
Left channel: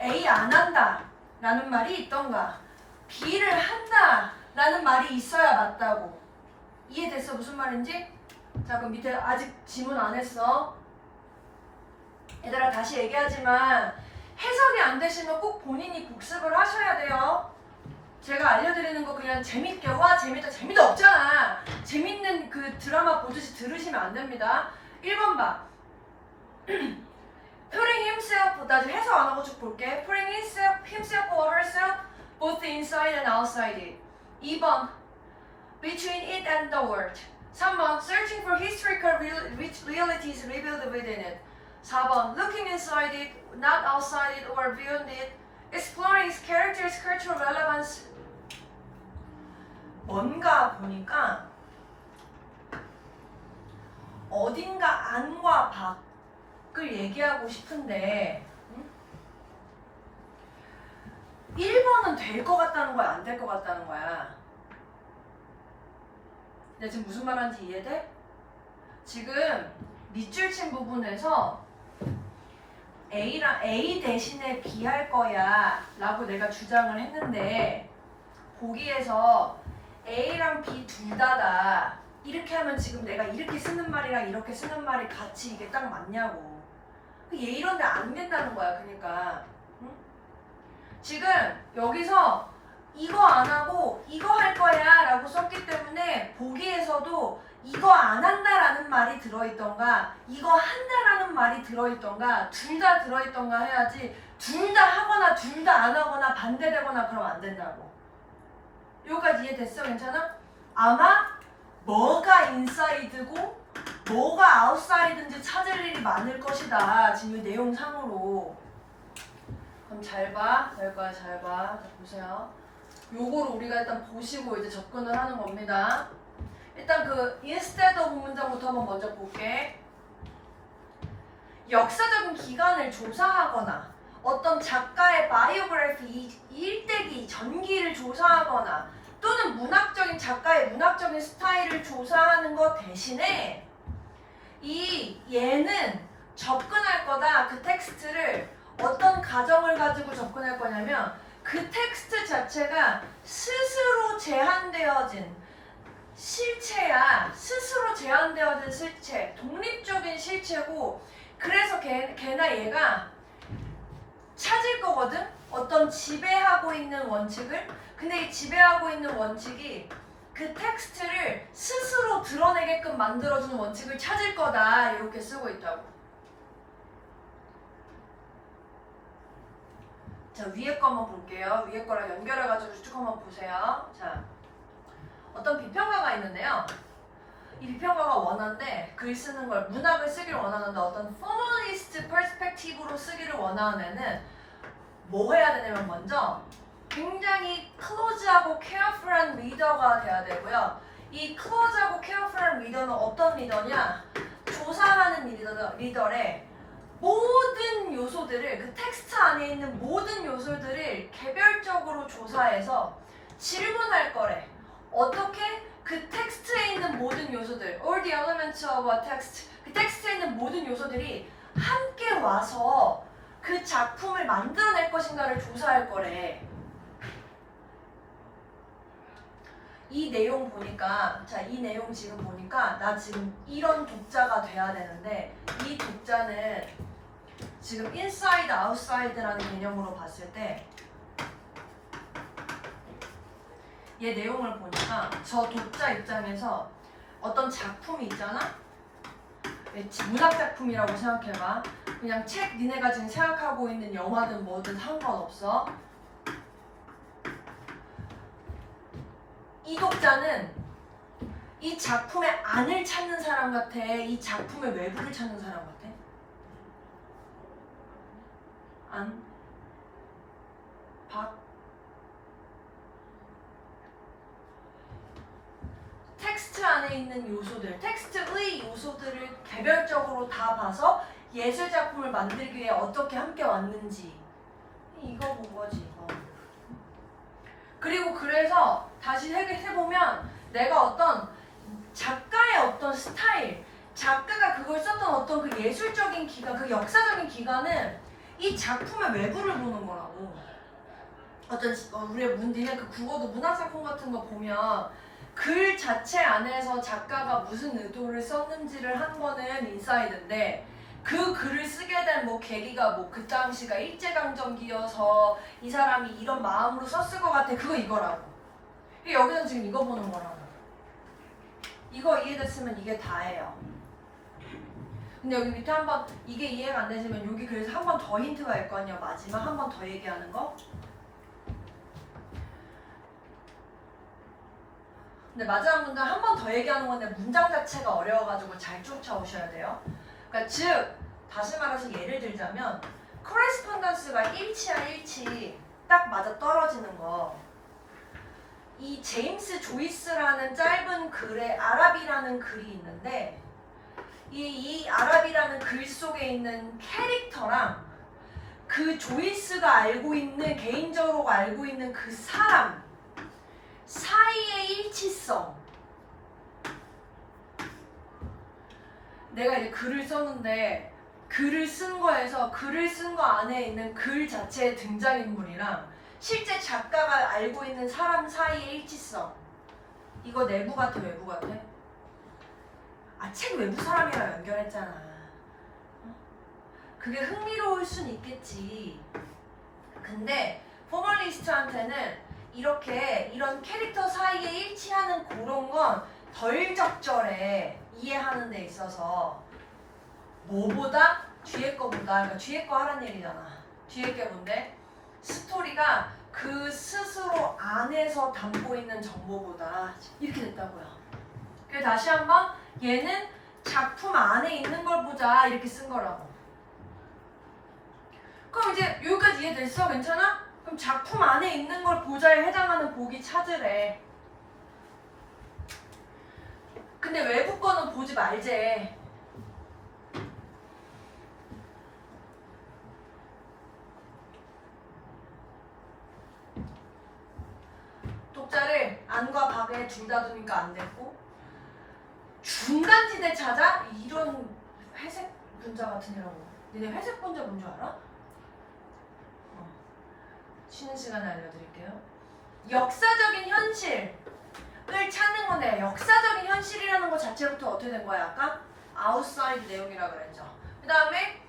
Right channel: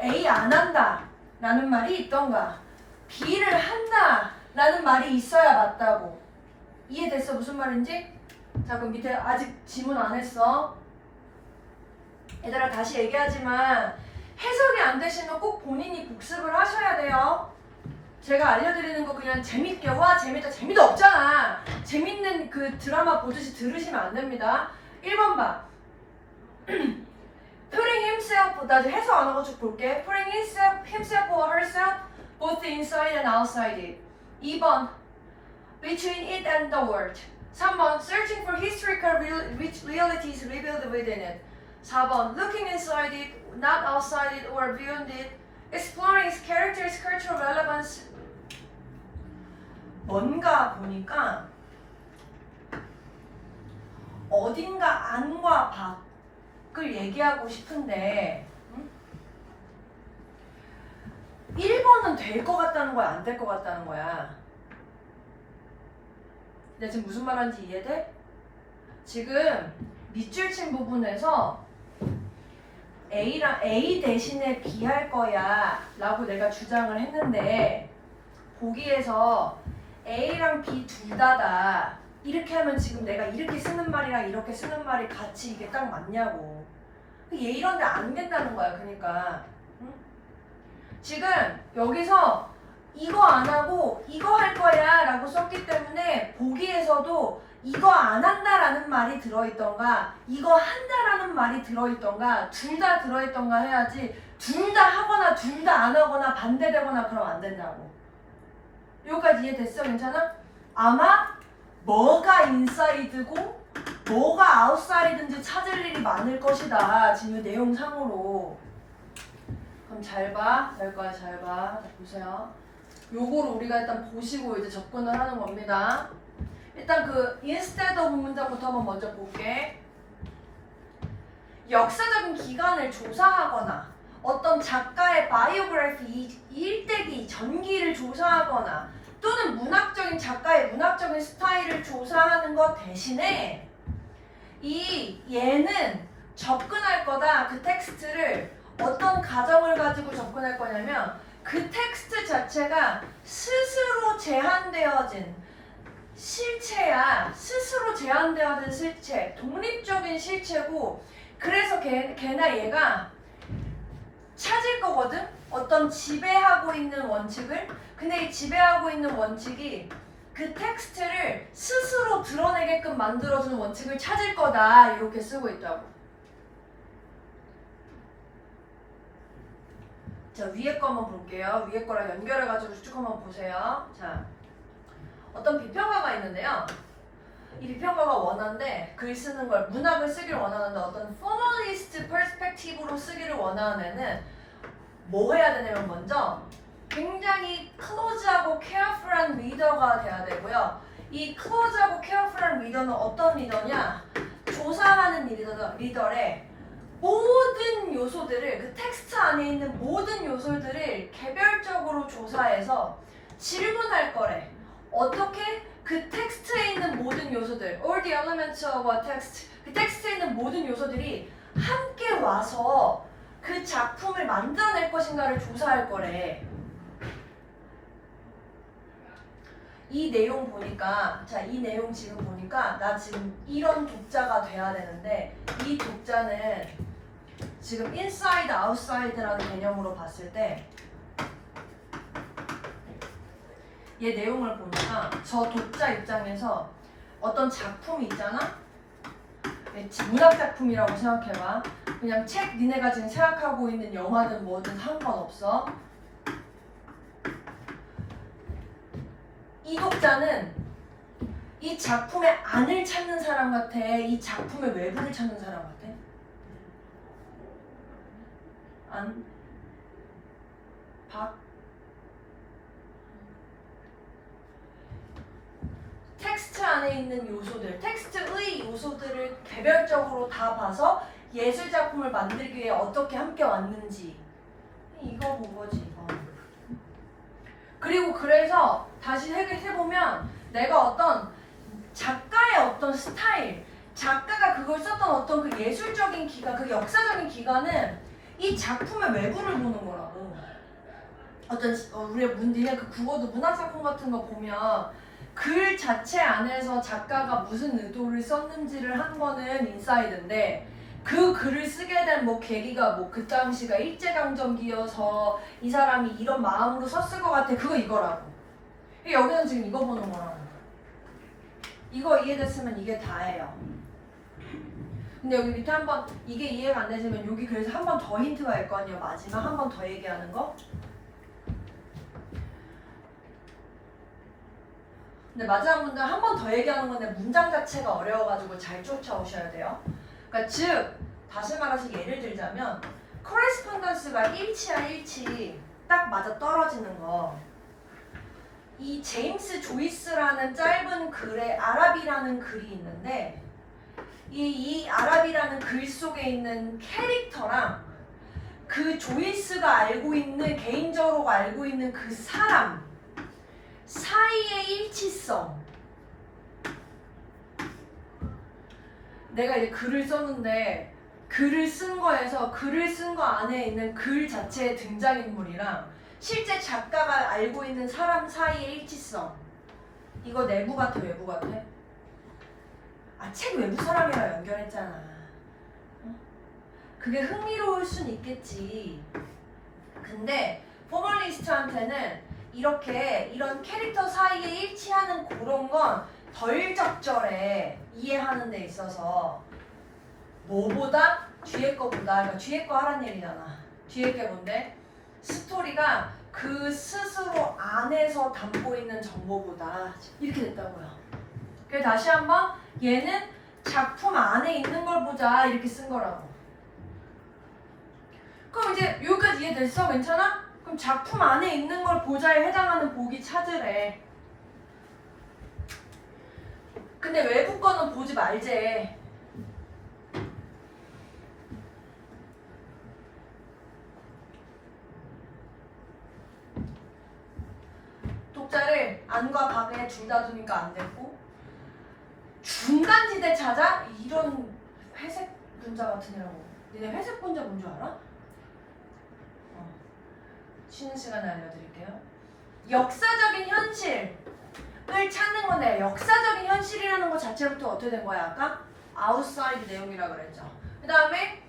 A 안 한다 라는 말이 있던가 B를 한다 라는 말이 있어야 맞다고. 이해됐어? 무슨 말인지? 자, 그럼 밑에 아직 지문 안 했어. 얘들아 다시 얘기하지만 해석이 안 되시면 꼭 본인이 복습을 하셔야 돼요. 제가 알려드리는 거 그냥 재밌게 와 재밌다 재미도 없잖아. 재밌는 그 드라마 보듯이 들으시면 안 됩니다. 1번 봐. Putting himself 나 이제 해석 안 하고 쭉 볼게. Putting himself or herself both inside and outside it. 2번 Between it and the world. 3번 Searching for historical realities revealed within it. 4번 Looking inside it, not outside it or beyond it. Exploring its characters, cultural relevance. 뭔가 보니까 어딘가 안과 밖을 얘기하고 싶은데 1번은 될 것 같다는 거야? 안 될 것 같다는 거야? 내가 지금 무슨 말 하는지 이해돼? 지금 밑줄 친 부분에서 A 대신에 B 할 거야 라고 내가 주장을 했는데 보기에서 A랑 B 둘 다다 이렇게 하면 지금 내가 이렇게 쓰는 말이랑 이렇게 쓰는 말이 같이 이게 딱 맞냐고. 얘 이런데 안 된다는 거야. 그러니까 응? 지금 여기서 이거 안 하고 이거 할 거야 라고 썼기 때문에 보기에서도 이거 안 한다라는 말이 들어있던가 이거 한다라는 말이 들어있던가 둘 다 들어있던가 해야지 둘 다 하거나 둘 다 안 하거나 반대되거나 그러면 안 된다고. 여기까지 이해됐어? 괜찮아? 아마 뭐가 인사이드고 뭐가 아웃사이드인지 찾을 일이 많을 것이다. 지금 이 내용상으로. 그럼 잘 봐. 될 거야. 잘 봐. 자, 보세요. 요거를 우리가 일단 보시고 이제 접근을 하는 겁니다. 일단 그 instead of 문장부터 한번 먼저 볼게. 역사적인 기간을 조사하거나 어떤 작가의 바이오그래피 일대기 전기를 조사하거나 또는 문학적인 작가의 문학적인 스타일을 조사하는 것 대신에 얘는 접근할 거다. 그 텍스트를 어떤 가정을 가지고 접근할 거냐면 그 텍스트 자체가 스스로 제한되어진 실체야. 스스로 제한되어진 실체, 독립적인 실체고 그래서 걔나 얘가 찾을 거거든? 어떤 지배하고 있는 원칙을. 근데 이 지배하고 있는 원칙이 그 텍스트를 스스로 드러내게끔 만들어주는 원칙을 찾을 거다. 이렇게 쓰고 있다고. 자, 위에 거 한번 볼게요. 위에 거랑 연결해가지고 쭉 한번 보세요. 자, 어떤 비평가가 있는데요. 이 비평가가 원하는데 글 쓰는 걸 문학을 쓰기를 원하는데 어떤 포멀리스트 퍼스펙티브로 쓰기를 원하는 애는 뭐 해야 되냐면 먼저 굉장히 클로즈하고 케어풀한 리더가 돼야 되고요. 이 클로즈하고 케어풀한 리더는 어떤 리더냐? 조사하는 리더래. 모든 요소들을 그 텍스트 안에 있는 모든 요소들을 개별적으로 조사해서 질문할 거래. 어떻게? 그 텍스트에 있는 모든 요소들, all the elements of a text, 그 텍스트에 있는 모든 요소들이 함께 와서 그 작품을 만들어낼 것인가를 조사할 거래. 이 내용 보니까, 자, 이 내용 지금 보니까 나 지금 이런 독자가 돼야 되는데 이 독자는 지금 inside, outside라는 개념으로 봤을 때 얘 내용을 보니까 저 독자 입장에서 어떤 작품이 있잖아? 문학 작품이라고 생각해봐. 그냥 책 니네가 지금 생각하고 있는 영화든 뭐든 상관없어. 이 독자는 이 작품의 안을 찾는 사람 같아? 이 작품의 외부를 찾는 사람 같아? 안? 밖? 텍스트 안에 있는 요소들, 텍스트의 요소들을 개별적으로 다 봐서 예술 작품을 만들기 위해 어떻게 함께 왔는지 이거 본 거지 이거. 그리고 그래서 다시 해보면 내가 어떤 작가의 어떤 스타일, 작가가 그걸 썼던 어떤 그 예술적인 기간, 그 역사적인 기간은 이 작품의 외부를 보는 거라고. 어떤 우리의 니네 그 국어도 문학작품 같은 거 보면 글 자체 안에서 작가가 무슨 의도를 썼는지를 한 거는 인사이드인데 그 글을 쓰게 된 뭐 계기가 뭐 그 당시가 일제강점기여서 이 사람이 이런 마음으로 썼을 것 같아. 그거 이거라고. 여기는 지금 이거 보는 거라고. 이거 이해됐으면 이게 다예요. 근데 여기 밑에 한번 이게 이해가 안 되시면 여기 그래서 한 번 더 힌트가 있을 거 아니에요. 마지막 한 번 더 얘기하는 거. 근데 마지막 문장 한 번 더 얘기하는 건데 문장 자체가 어려워가지고 잘 쫓아오셔야 돼요. 그러니까 즉 다시 말해서 예를 들자면 코레스폰던스가 일치야 일치 딱 맞아 떨어지는 거. 이 제임스 조이스라는 짧은 글에 아랍이라는 글이 있는데 이 아랍이라는 글 속에 있는 캐릭터랑 그 조이스가 알고 있는 개인적으로 알고 있는 그 사람 사이의 일치성. 내가 이제 글을 썼는데 글을 쓴 거에서 글을 쓴 거 안에 있는 글 자체의 등장인물이랑 실제 작가가 알고 있는 사람 사이의 일치성. 이거 내부 같아 외부 같아? 아, 책 외부 사람이랑 연결했잖아. 그게 흥미로울 순 있겠지. 근데 포멀리스트한테는 이렇게 이런 캐릭터 사이에 일치하는 그런 건 덜 적절해. 이해하는 데 있어서 뭐보다? 뒤에 거보다. 그러니까 뒤에 거 하란 얘기잖아. 뒤에 게 뭔데? 스토리가 그 스스로 안에서 담고 있는 정보보다 이렇게 됐다고요. 그래서 다시 한번 얘는 작품 안에 있는 걸 보자 이렇게 쓴 거라고. 그럼 이제 여기까지 이해됐어? 괜찮아? 그럼 작품 안에 있는 걸 보자에 해당하는 보기 찾으래. 근데 외부 거는 보지 말제. 독자를 둘 다 두니까 안 됐고 중간지대 찾아? 이런 회색 분자 같은 이라고. 니네 회색 분자 뭔 줄 알아? 쉬는 시간에 알려드릴게요. 역사적인 현실을 찾는 건데 역사적인 현실이라는 것 자체부터 어떻게 된 거야 아까? 아웃사이드 내용이라 그랬죠. 그 다음에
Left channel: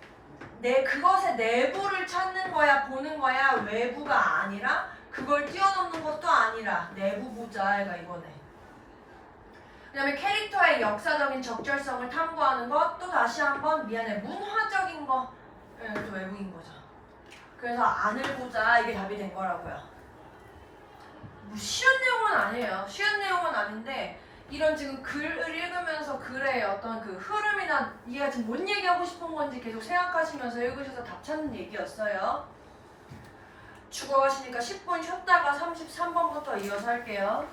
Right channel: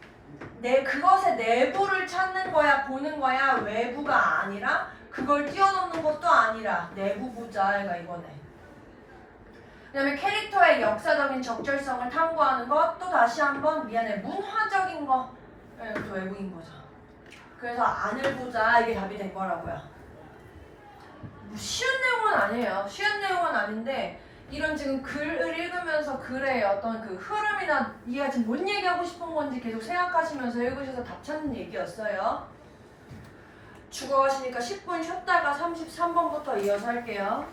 그것의 내부를 찾는 거야 보는 거야 외부가 아니라 그걸 뛰어넘는 것도 아니라 내부 보자 얘가 이거네. 그 다음에 캐릭터의 역사적인 적절성을 탐구하는 것 또 다시 한번 미안해 문화적인 거 또 외부인 거죠. 그래서 안을 보자 이게 답이 된 거라고요. 뭐 쉬운 내용은 아니에요. 쉬운 내용은 아닌데 이런 지금 글을 읽으면서 글의 어떤 그 흐름이나 얘가 지금 뭔 얘기하고 싶은 건지 계속 생각하시면서 읽으셔서 답 찾는 얘기였어요. 죽어가시니까 10분 쉬었다가 33번부터 이어서 할게요.